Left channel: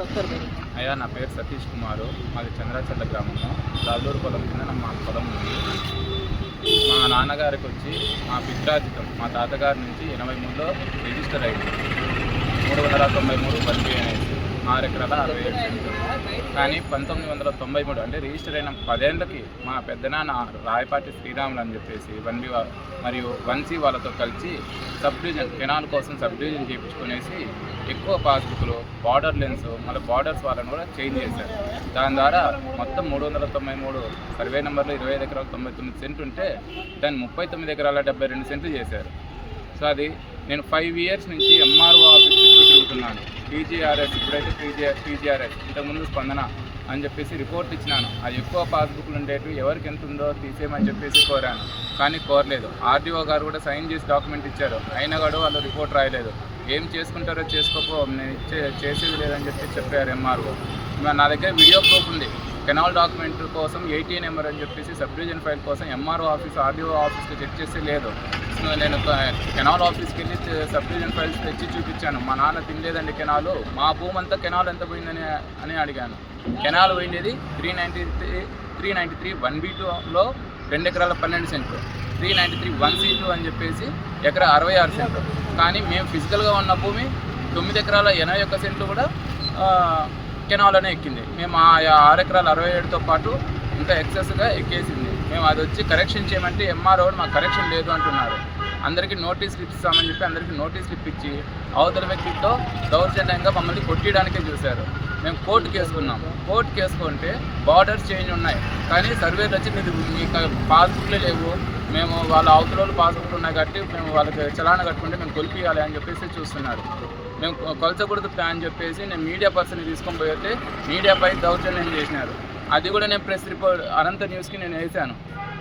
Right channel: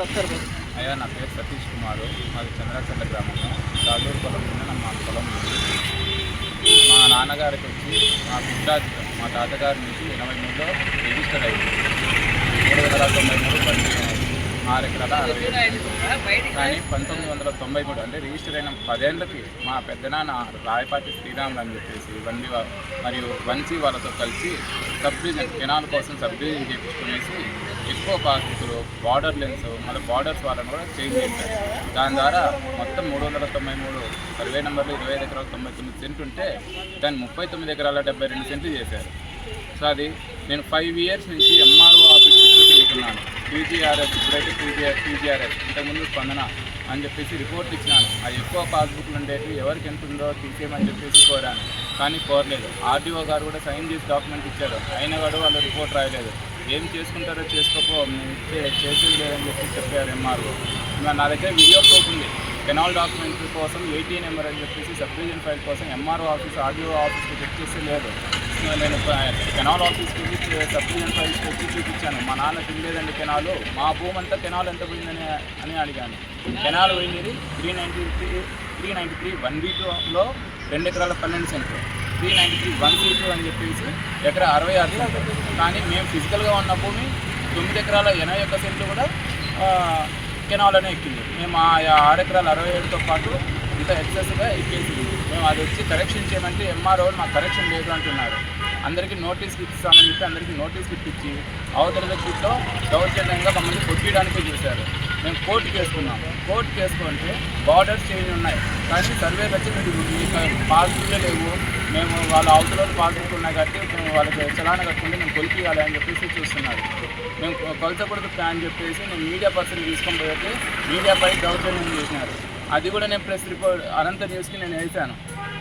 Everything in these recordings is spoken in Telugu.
అయ్యా నా పేరు సతీష్ కుమారు. మాది చంద్రాచర్ల గ్రామము. దాదూరు పొలం కింద మా పొలం ఉంది. మా నాన్నగారికి వచ్చి మా పిత్రాధికం మా తాతగారి నుంచి ఎనభై మూడులో రిజిస్టర్ అయింది. మూడు వందల తొంభై మూడు బండి అనేది. ఆరు ఎకరాల అరవై ఏడు. కానీ పంతొమ్మిది వందల తొంభై మూడు అంటే రిజిస్టర్ అయిన పదేళ్ళకి మా పెద్దనాన్న రాయపాటి శ్రీరాములు అని చెప్పేసి వన్వి మరియు వన్సీ వాళ్ళతో కలిసి సబ్ డివిజన్ కెనాల్ కోసం సబ్ డివిజన్ చేయించుకునేసి ఎక్కువ పాస్బుక్లు బార్డర్ లెన్స్ మళ్ళీ బార్డర్స్ వాళ్ళని కూడా చేంజ్ చేశారు. దాని ద్వారా మొత్తం మూడు వందల తొంభై మూడు సర్వే నెంబర్లు ఇరవై ఐదు ఎకరాల తొంభై తొమ్మిది సెంట్లు ఉంటే దాన్ని ముప్పై తొమ్మిది ఎకరాల డెబ్బై రెండు సెంట్లు చేశారు. సో అది నేను ఫైవ్ ఇయర్స్ నుంచి ఎంఆర్ఓ ఆఫీస్ చుట్టూ తిరుగుతున్నాను. పీజీఆర్ఎస్ ఇప్పుడైతే పీజీఆర్ పీజీఆర్ఎస్ ఇంతకుముందు స్పందన అని చెప్పేసి రిపోర్ట్ ఇచ్చినాను. ఆ ఎక్కువ పాస్బుక్లు ఉండేవి ఎవరికి ఎంత ఉందో తీసేయమని చెప్పేసి కోరాను. కానీ కోరలేదు. ఆర్డీఓ గారు కూడా సైన్ చేసి డాక్యుమెంట్ ఇచ్చారు. అయినా కూడా వాళ్ళు రిపోర్ట్ రాయలేదు. ఏం చేసుకుంటారో చేసుకోపో నేను చేసేది లేదని చెప్పి చెప్పారు ఎంఆర్ఓ. నా దగ్గర వీడియో ప్రూఫ్ ఉంది. కెనాల్ డాక్యుమెంట్ కోసం ఏటీ నెంబర్ అని చెప్పేసి సబ్ డివిజన్ ఫైల్ కోసం ఎంఆర్ఓ ఆఫీస్ ఆర్డీఓ ఆఫీస్కి చెక్ చేస్తే లేదు. నేను కెనాల్ ఆఫీస్కి వెళ్ళి సబ్ డివిజన్ ఫైల్స్ తెచ్చి చూపించాను. మా నాన్న తినలేదండి కెనాలు. మా భూమి అంతా కెనాల్ ఎంత పోయిందని అని అడిగాను. కెనాల్ పోయింది three ninety three three ninety three one B టూలో రెండు ఎకరాల పన్నెండు సెంట్లు. Three ninety three one B two అని చెప్పేసి ఎకరా అరవై ఆరు సెంట్లు. కానీ మేము ఫిజికల్గా ఉన్న భూమి తొమ్మిది ఎకరాల ఎనభై ఒక్క సెంట్లు కూడా కెనాల్లోనే కెనాల్ ఎక్కింది. మేము ఆ ఆరు ఎకరాల అరవై ఏడుతో పాటు ఇంకా ఎక్సెస్గా ఎక్కేసింది. మేము అది వచ్చి కరెక్షన్ చేయమంటే ఎంఆర్ఓ మాకు కరెక్షన్ లేదు అంటున్నారు. అందరికీ నోటీస్ ఇస్తామని చెప్పి అందరికీ నోటీస్ ఇప్పించి అవతల వ్యక్తితో దౌర్జన్యంగా మమ్మల్ని కొట్టియడానికే చూశారు. మేము కోర్టు చేసుకున్నాం కోర్టు చేసుకుంటే బార్డర్స్ చేంజ్ ఉన్నాయి. కానీ సర్వేలు వచ్చి మీరు మీకు పాస్బుక్లే లేవు. మేము వాళ్ళ అవతల వాళ్ళు పాస్బుక్లు ఉన్నాయి కాబట్టి మేము వాళ్ళకి చలాన కట్టుకుంటే మేము కొలిపియాలి అని చెప్పేసి చూస్తున్నారు. మేము కొలతకూడదు కొలచకూడదు అని చెప్పేసి నేను మీడియా పర్సన్ తీసుకొని పోతే మీడియాపై దౌర్జన్యం చేసినారు. అది కూడా నేను ప్రెస్ రిపోర్ట్ అనంత న్యూస్కి నేను వేసాను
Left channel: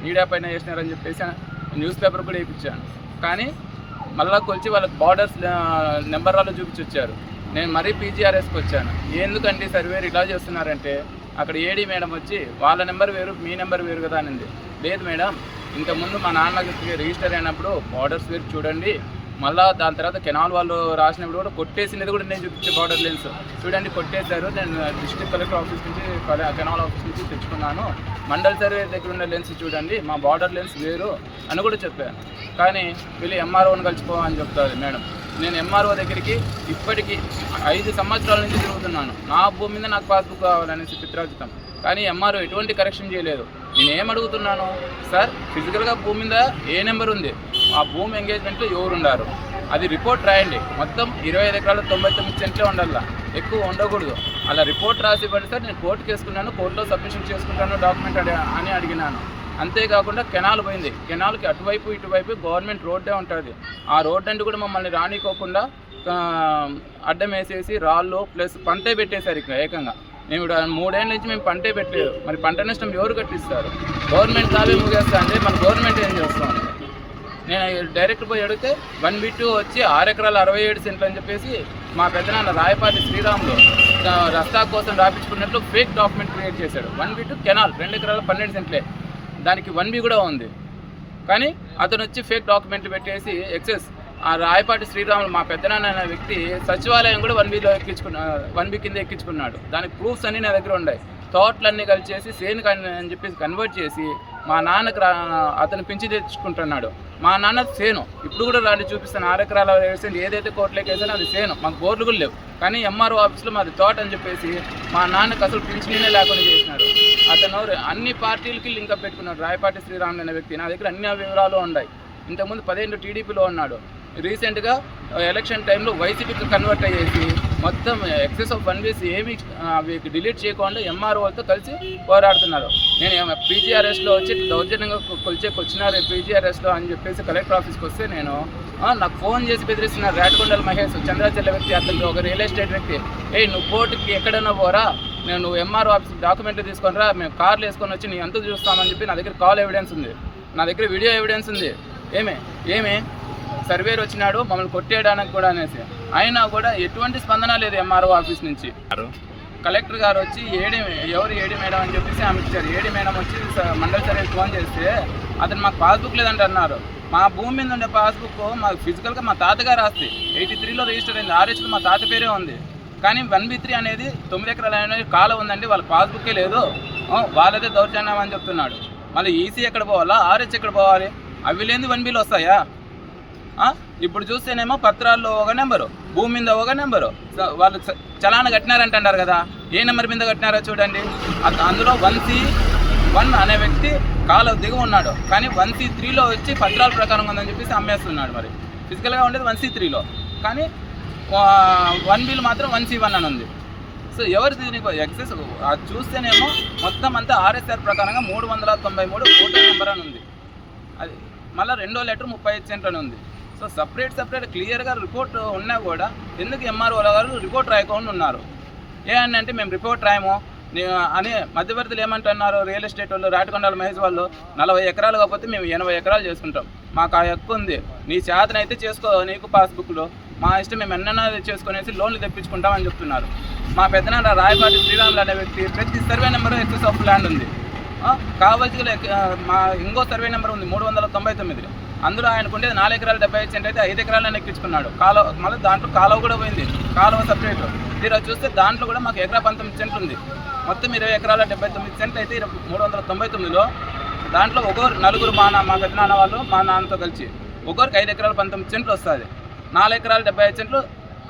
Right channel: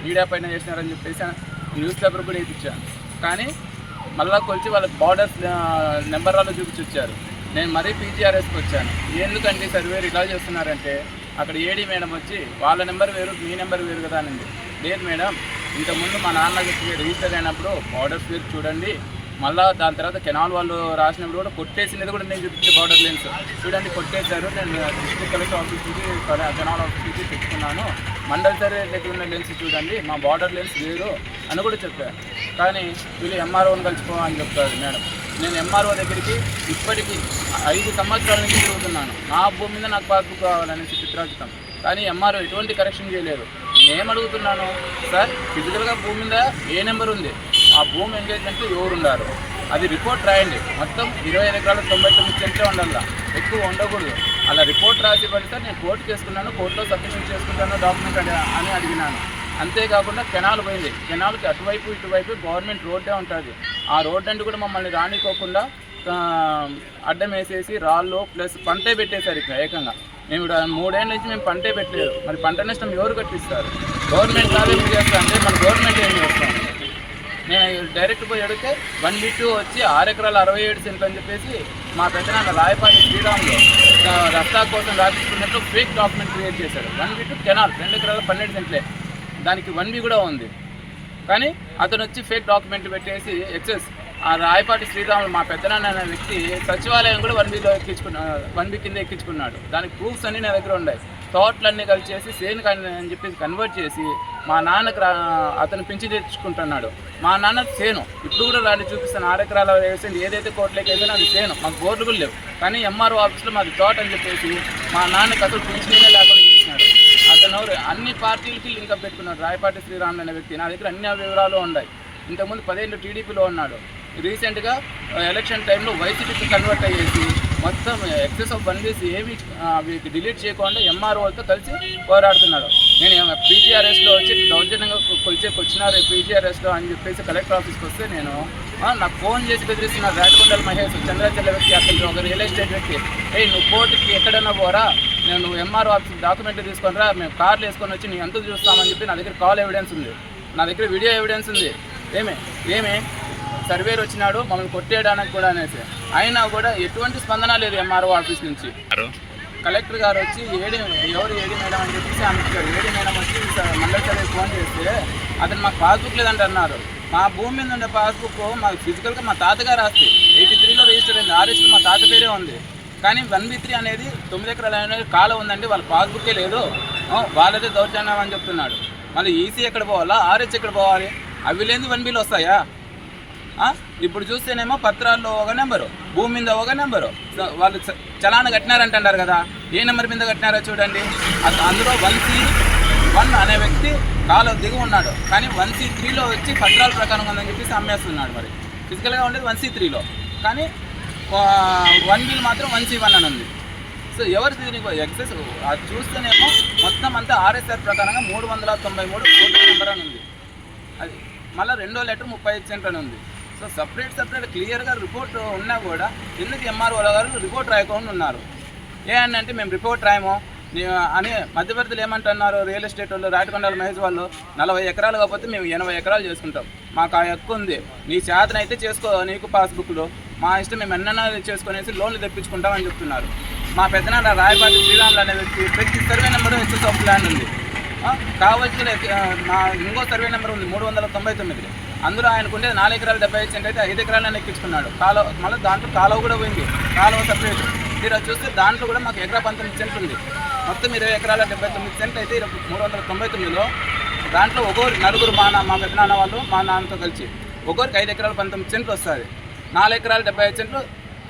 మీడియా పైన వేసినారని చెప్పేసి న్యూస్ పేపర్ కూడా వేయించాను కానీ మళ్ళా కొలిచి వాళ్ళకి బార్డర్స్ నెంబర్ వాళ్ళు చూపించి వచ్చారు నేను మరీ పీజీఆర్ఎస్కి వచ్చాను. ఎందుకంటే సర్వేర్ ఇలా చేస్తున్నారంటే అక్కడ ఏడీ మేడం వచ్చి వాళ్ళ నెంబర్ వేరు మీ నెంబర్ వేరు కదా అనింది. లేదు మేడం ఇంతకుముందు మా నాన్నకి రిజిస్టర్ అయినప్పుడు బార్డర్స్ వేరు చూడండి. మళ్ళా దాని తర్వాత కెనాల్ వాళ్ళు రాసినప్పుడు కూడా కొట్టేసినది కూడా నేను చూపించే బార్డర్ లెన్స్ చూడండి కొట్టేశారు. నేను డిస్ట్రిక్ట్ కలెక్టర్ ఆఫీస్ నుంచి కెనాల్ ఆఫీస్ నుంచి తెచ్చుకున్నాను. మండల్ సర్వే దగ్గర ఉన్న లెన్స్ చూడండి. మా బార్డర్ లెన్స్ వేరు అని కూడా చెప్పాను. కానీ వీళ్ళు ఎంఆర్ఓని కలిసిపోవని చెప్తారు మేడం. నేను ఎంఆర్ఓ దగ్గరికి ఇప్పటికీ ఐదు సంవత్సరాల నుంచి తిరుగుతున్నాను. నా భూమి మీద నాకు పాస్బుక్ కావాలనేసి చిత్రాజితం కానీ ఎంఆర్ఓ ఎటువంటి కరెక్షన్ చేయలేదు. నేను అడుగుతున్నాను? సార్ ఫిజికల్గా భూమి మీద ఏ నెంబర్ ఉంది? ఆ భూమి ఎంగేజ్మెంట్లో ఎవరు అది రిపోర్ట్ రాయండి. మొత్తం ఇరవై ఐదు ఎకరాలు తొంభై తొమ్మిది సెంట్లే ఉండాలా? ఎక్కువ ఉండకూడదు. అలా రిపోర్ట్ రాసి పెడితే నేను కోర్టుకి వేసుకున్నాను కోర్టులో సబ్మిషన్ చేసుకుంటాను. డాక్యుమెంట్ అని అడిగినాను. అంతేకాకుండా కెనాల్ పోయింది. కెనాల్కి అటువైపు ఇటువైపు గవర్నమెంట్ రోడ్డే ఉంటుంది. ఆ రోడ్ అంటే కూడా మమ్మల్ని రానికోకుండా అడ్డం వేసేసి రాళ్ళు ప్లస్ పంటే పెట్టేశారు ఇక్కడ ఏకంగా. మేము మూడేళ్ళ నుంచి మేము పంటే పెట్టలేదు. మరి పంట నష్టం ఎవరు కట్టిస్తారు? గవర్నమెంట్ కావే చేస్తా అంటే మన గవర్నమెంట్ ఏం చేస్తాం? నేను డైరెక్ట్ పోయి అడిగితే వన్ బి టూ వచ్చి ఆరు ఎకరాలు అరవై ఏడు సెంట్లు అని చెప్పేసి మా పెద్దనాన్న రాయపాటి శ్రీరాములు రస్తా కోసం రాపించుకున్నట్లు ఫేక్ డాక్యుమెంట్ క్రియేట్ చేశాడు వన్ బి టూ కెనాల్ రెండు ఎకరాల పన్నెండు సెంట్లే. దానికి వన్ బీ కూడా ఉంది. కానీ అతను వచ్చి ఫేక్ డాక్యుమెంట్ పెట్టేసి ఎక్సెస్ ఆ రాయపాటి శ్రీరాములు మా పెద్దనాన్న అనే వ్యక్తి సచివాలయం కూడా వన్ వీలో ఎక్కించుకున్నా వన్ వీక్ కింద ఎక్కించుకున్నాడు. దానికి ప్రూఫ్స్ అన్నీ నా దగ్గర ఉన్నాయి. తోటలన్నీ కలిసి చేసి సేను అని చెప్పి కన్వర్ట్ చేసి మా నాన్నకు రా అతను పెంచి తెచ్చుకుంటున్నాడు. మా నాన్న సేను. ఇప్పుడు కూడా రాని చూపిస్తాను. ఆరు ఎకరాల వేసింది. ఏదైతే కోట్లోకి వేసానో అది సేను. మాకు బోర్లు కూడా లేవు. కానీ ఎంఆర్ఓ ఆఫీస్లో మాది తోట అని చెప్పేసి మా నాన్నకి అసలు పింఛనే లేకుండా అతను అన్ని పార్టీలకి లింకప్ పెట్టుకున్నాడు. రాయపాటి శ్రీరాములు అనే వ్యక్తి. నా దగ్గర అన్ని వివరాలు ఉన్నాయి. ఇంతకుముందు పదిహేను టీడీపీలో ఉన్నాడు. రీసెంట్గా ఎలక్షన్ టైంలో వైసీపీకి కన్వర్ట్ అయ్యేసి మొత్తం ఎక్సెస్ ఆఫ్ వన్ వీస్ ఏమి డిలీట్ చేయకుండా ఎంఆర్ఓలతో కలిసి పోరాడుతున్నాడు. నేను పీజీఆర్ఎస్లో వచ్చి దౌర్జన్యంగా కొ- కొలిచేకి వచ్చినారు పీజీఆర్ఎస్లో అని చెప్పేసి కలెక్టర్ ఆఫీస్కి వస్తే నేను నాకు ఫోన్ చేసి బెదిరిస్తున్నారు. రాటకొండల మహేష్ చంద్రాచల వ్యక్తి అతనికి ఒక రియల్ ఎస్టేట్ వ్యక్తి. ఏ నువ్వు కోర్టుకి ఎక్కడైనా పోరా? నేను నువ్వు ఎంఆర్ఓ ఆఫీస్ డాక్యుమెంట్లు తీసుకొని రా మేము కార్లు వేసుకొని వచ్చి నీ ఎంత చూస్తామని చెప్పి నా దగ్గర కాల్ ఎవిడెన్స్ ఉంది. నా దగ్గర వీడియో ఎవిడెన్స్ ఉంది. ఏమే? ఏమే? సర్వేర్ వచ్చినాడు మమ్మల్ని కొట్టేయడానికి కూడా అనేసి. అయినా కూడా ఎటువంటి స్పందన లేదు ఎంఆర్ఓ ఆఫీస్ నుంచి. కలెక్టర్ గారు వచ్చి ఏడి ఎవరు ఏడి మేడం? అని చెప్పేసి ఆమె ఇచ్చారు. ఏడి మేడం వచ్చి మండల సర్వీస్ ఫోన్ చేస్తే అతను మాకు పాస్బుక్ లేదంట అన్నారు. మా భూమి మీద ఉండే పాస్బుక్ మాకు ఫిజికల్గా మా తాతగారు ఆస్తి ఎయిటీ త్రీలో రిజిస్టర్ అయింది. ఆర్ఎస్లో మా తాత పేరే ఉంది. కానీ వన్ బి త్రీ అనేది తొమ్మిది ఎకరాల అనేది కాలం ఉందండి వాళ్ళ పాస్బుక్కే లేదు. వాళ్ళదే దౌర్జన్యం అని చెప్తున్నాడు. మళ్ళీ ఈసీ ఎక్కడ పోవాలా? ఆర్హెచ్ ఎక్కడ పోవాలి? అవి లేని వన్ బిలు వస్తాయా? ఇప్పుడు చూస్తేనేమో పత్రాల్లో ఒక నెంబరు భూమి మీద ఒక నెంబరు. వాళ్ళు చ- చలాన కట్టినారంటున్నారు కదా ఏ నెంబర్ మీద కట్టినారో చూడండి. అందులో వన్ సి వన్ అనే వ్యక్తి కాలు దిగి ఉన్నాడు. కానీ వన్ సి త్రీలో వచ్చి పత్రాల ప్రకారం ఉందని చెప్పేసి అమ్మేస్తున్నాడు మరి. ఫిజికల్గా ఉండేది వన్ సి త్రీలో. కానీ వన్ బిల్ మాత్రం వన్ సి వన్ అని ఉంది. సో ఎవరు దీనికి ఎక్సెస్ అది చూస్తేనేమో మొత్తం అంతా ఆర్ఎస్ఆర్ ప్రకారంగా మూడు వందల తొంభై మూడు ఫోటో నెంబర్ అని ఉంది. అది మళ్ళీ రెండో లెటర్ ముప్పై ఐదు సెంట్ అని ఉంది. సో సపరేట్ సపరేట్ క్లియర్గా రిపోర్ట్ ఉన్నా కూడా ఎందుకు ఎంఆర్ఓ గారు రిపోర్ట్ రాయకుండా ఉన్నారు? ఏ అని అంటే మేము రిపోర్ట్ రాయము. అని మధ్యవర్తులు ఏమంటున్నారు రియల్ ఎస్టేట్ వాళ్ళు రాటకొండల మహేష్ వాళ్ళు? నలభై ఎకరాలు కాకపోతే మేము ఎనభై ఎకరాలు చేసుకుంటాం. మాకు ఆ హక్కు ఉంది. నీ చేతనైతే చేసుకో నీకు పాస్బుక్లో మా ఇష్టం మేము ఎన్నైనా చేసుకునేసి లోన్లు తెప్పించుకుంటామని చెప్తున్నారు. మా పెద్దనాన్న రాయపాటి శ్రీరాములు అనే వ్యక్తి ప్రతి survey number excess of land ఉంది. ఆ, కావలసిన మా ఇంకో సర్వే నెంబర్ ఉంది మూడు వందల తొంభై తొమ్మిది అందులో ఆయనకుంటే నాలుగు ఎకరాలు డెబ్బై ఐదు సెంట్ అయితే ఐదు ఎకరాలను ఎక్కించుకున్నాడు. కాలువ మళ్ళీ దాంట్లో కాలువ కూడా పోయింది. కాలువ సపరేట్ తీరా చూస్తే దాంట్లో కూడా మాకు ఎకరా పంతొమ్మిది సెంట్లు ఉంది. మొత్తం ఇరవై ఎకరాల డెబ్బై తొమ్మిది సెంట్లు అయితే మూడు వందల తొంభై తొమ్మిదిలో. దాంట్లో ఒక్కొక్కరు నలుగురు మా నా మా పెద్దనాన్న వాళ్ళు మా నాన్నతో కలిసి. ఒక్కొక్కరికి ఐదు ఎకరాలు పంతొమ్మిది సెంట్లు వస్తుంది. నాలుగు ఎకరాలు డెబ్బై ఐదు సెంట్లు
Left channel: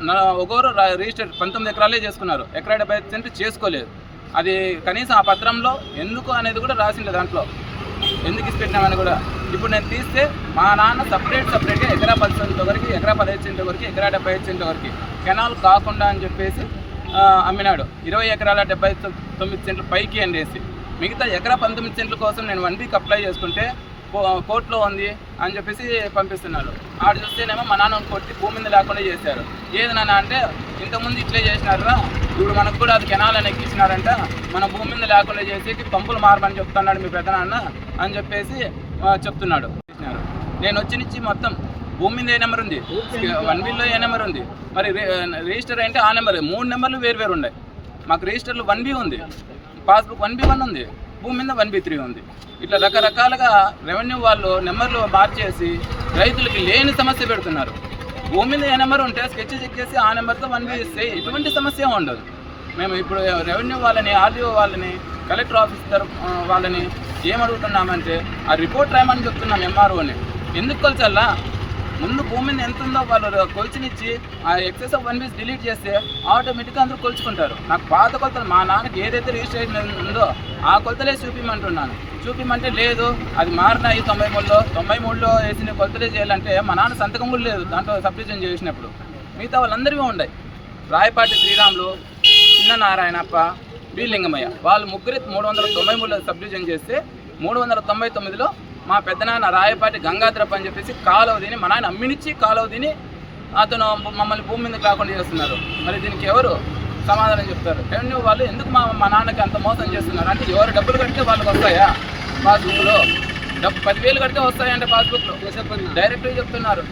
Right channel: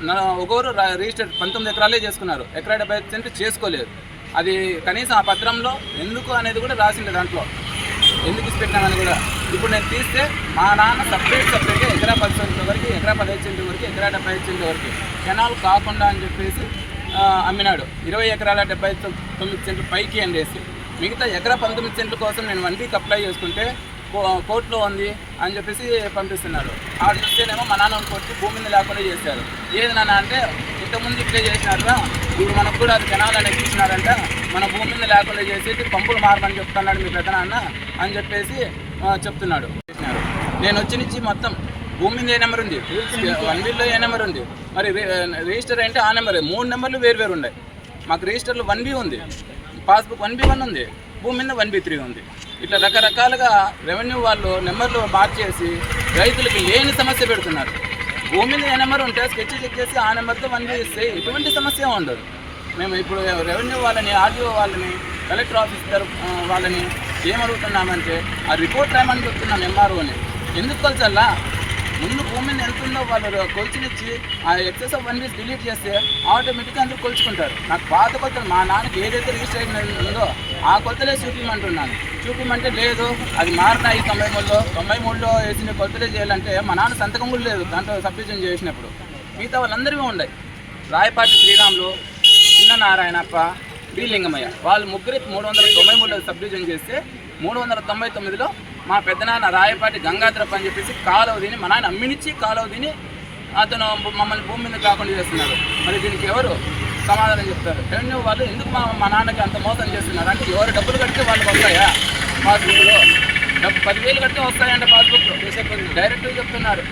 నా- రిజిస్టర్ పంతొమ్మిది ఎకరాలే చేసుకున్నారు. ఎకరా డెబ్బై ఐదు సెంట్లు చేసుకోలేదు. అది కనీసం ఆ పత్రంలో ఎందుకు అనేది కూడా రాసిండే దాంట్లో. ఎందుకు ఇచ్చిపెట్టినామని కూడా. ఇప్పుడు నేను తీస్తే మా నాన్న సపరేట్ సపరేట్గా ఎకరా పది సెంట్ల వరకు ఎకరా పదిహేను సెంట్ల వరకు ఎకరా డెబ్బై ఐదు సెంట్ల వరకు కెనాల్ కాకుండా అని చెప్పేసి అమ్మినాడు. ఇరవై ఎకరాల డెబ్బై తొమ్మిది సెంట్లు పైకి అండేసి మిగతా ఎకరా పంతొమ్మిది సెంట్ల కోసం నేను వన్ వీక్ అప్లై చేసుకుంటే కోర్టులో ఉంది అని చెప్పేసి పంపిస్తున్నారు. ఆడ చూస్తేనేమో మా నాన్న కొట్టి భూమి మీద లేకుండా చేశారు. ఏది నాన్న అంటే ఇంతకుముందు ఇట్లే చేసినారా ఇప్పుడు మనకు కూడా అది కెనాల్ అనేది మన భూమి మీద లేకుండా చేసేసి పంపులు మారమని చెప్తున్నాడు మీ పెద్ద నాన్న అని చెప్పేసి చెప్తున్నాడు. చేసినారు. నేను వచ్చి నుంచి మొత్తం భూమి మీద ఏ నెంబర్ ఉంది? వన్ వీల్లో ఏ నెంబర్ ఉంది? మరి రి- రిజిస్టర్ అంటే ఆ నెంబర్. మూడు నెంబర్లు వేరు వేరు ఉన్నాయి. మాకు రిజిస్టర్లు వన్ బి ఉంది. పాస్బుక్ వన్ బి వన్ ఉంది. భూమి మీద వన్ బి త్రీ ఉంది. ఇట్లా రకరకాలుగా రెవెన్యూ వాళ్ళు నెంబర్లు మార్చేసి రైతులకి లేని సమస్య పెడుతున్నారు? భూమి మీద ఏ నెంబర్ ఉంటే స్కెచ్ చెక్ చేసి ఆ నెంబర్తో వన్ బి ఇస్తే ఎటువంటి సమస్య ఉండదు. మేము ఇప్పుడు రెవెన్యూ వాళ్ళని ఆర్డీఓ వాళ్ళని కలెక్టర్ ఆఫీస్ తరపు వాళ్ళని ఏమడుగుతున్నామంటే ఆ రిపోర్ట్ రాయమని చెప్తున్నాం ఎంఆర్ఓని ఎందుకు కొలిచల్లా ముందు భూమిని ఎంత ఉందో వాళ్ళు కొలిచినిచ్చి ఆ excess of one weeks delete చేస్తే ఆటోమేటిక్గా అందరూ కొలుచుకుంటారు. నాకు పాత కొలతలు మా నాన్నకి ఏదైతే రిజిస్ట్రేషన్ ఉందో ఆ కొలతలే చూపించమంటున్నాను చూపించమంటే లేదు అది మారినాయి తొంభై మూడులో తొంభై మూడులో వేసిన కొలతలే చేయాలంటే మా నాన్న సంతకం కూడా లేదు దాంట్లో సబ్డివిజన్ చేసినప్పుడు. మిగతా వాళ్ళందరివి ఉన్నాయి. రాయపాటి శ్రీరాములు చిన్న నారాయణప్ప బి లింగమయ్య వాళ్ళు ముగ్గురి మూడు వందల తొంభై మూడులో సబ్డివిజన్ చేస్తే మూడు వందల తొంభై తొమ్మిదిలో మా పెద్దనాన్న రాయపాటి గంగాధరప్ప అని చెప్పేసి కాలువ తిని మా నాన్న అమ్మినిచ్చి కాలువ తిని అతను మమ్మల్ని భూమి మీద కాకుండా చేస్తున్నారు. మరి దీనికి ఎవరు సమాధానం చెప్తారు? రెవెన్యూ వాళ్ళు ఎందుకు మా మా నాన్నకి అంత మోసం చేస్తున్నారు? అంటే ఎవరు డబ్బులు కడితే వాళ్ళకి వస్తాయా పాస్బుక్లో? డబ్బు పదివేలు కడితే వస్తాయంటే పాస్బుక్లో. డైరెక్ట్గా చెప్తున్నారు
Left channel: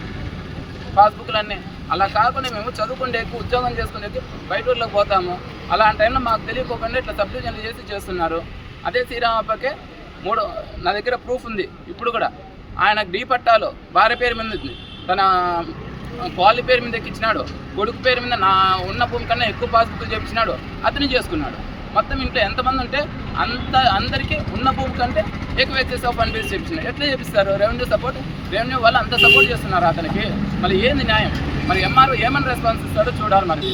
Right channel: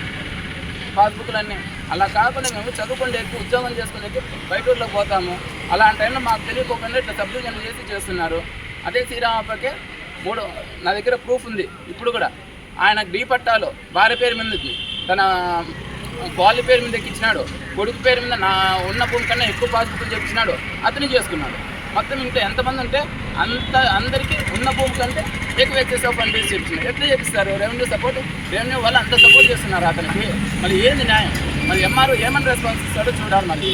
పాస్బుక్లు అన్నీ అలా కాకుండా మేము చదువుకుంటే ఎక్కువ ఉద్యోగం చేసుకునే బయట ఊళ్ళకి పోతాము. అలాంటి టైంలో మాకు తెలియకోకుండా ఇట్లా సబ్డివిజన్ చేసి చేస్తున్నారు. అదే శ్రీరామప్పకే మూడు నా దగ్గర ప్రూఫ్ ఉంది. ఇప్పుడు కూడా. ఆయన డీ పట్టాలో భార్య పేరు మీద తన క్వాలి పేరు మీద ఎక్కించినాడు. కొడుకు పేరు మీద నా ఉన్న భూమి కన్నా ఎక్కువ బాధ్యతలు చెప్పించినాడు. అతని చేసుకున్నాడు. మొత్తం ఇంట్లో ఎంతమంది ఉంటే అంత అందరికీ ఉన్న భూమి కంటే ఎక్కువ ఎక్సెస్ ఆఫ్ చేసి చెప్తున్నారు ఎట్లా చెప్పిస్తారు? రెవెన్యూ సపోర్ట్ రెవెన్యూ వాళ్ళు అంత సపోర్ట్ చేస్తున్నారు అతనికి. మళ్ళీ ఏంది న్యాయం? మరి ఎంఆర్ఓ ఏమని రెస్పాన్స్ ఇస్తాడో చూడాలి మరి.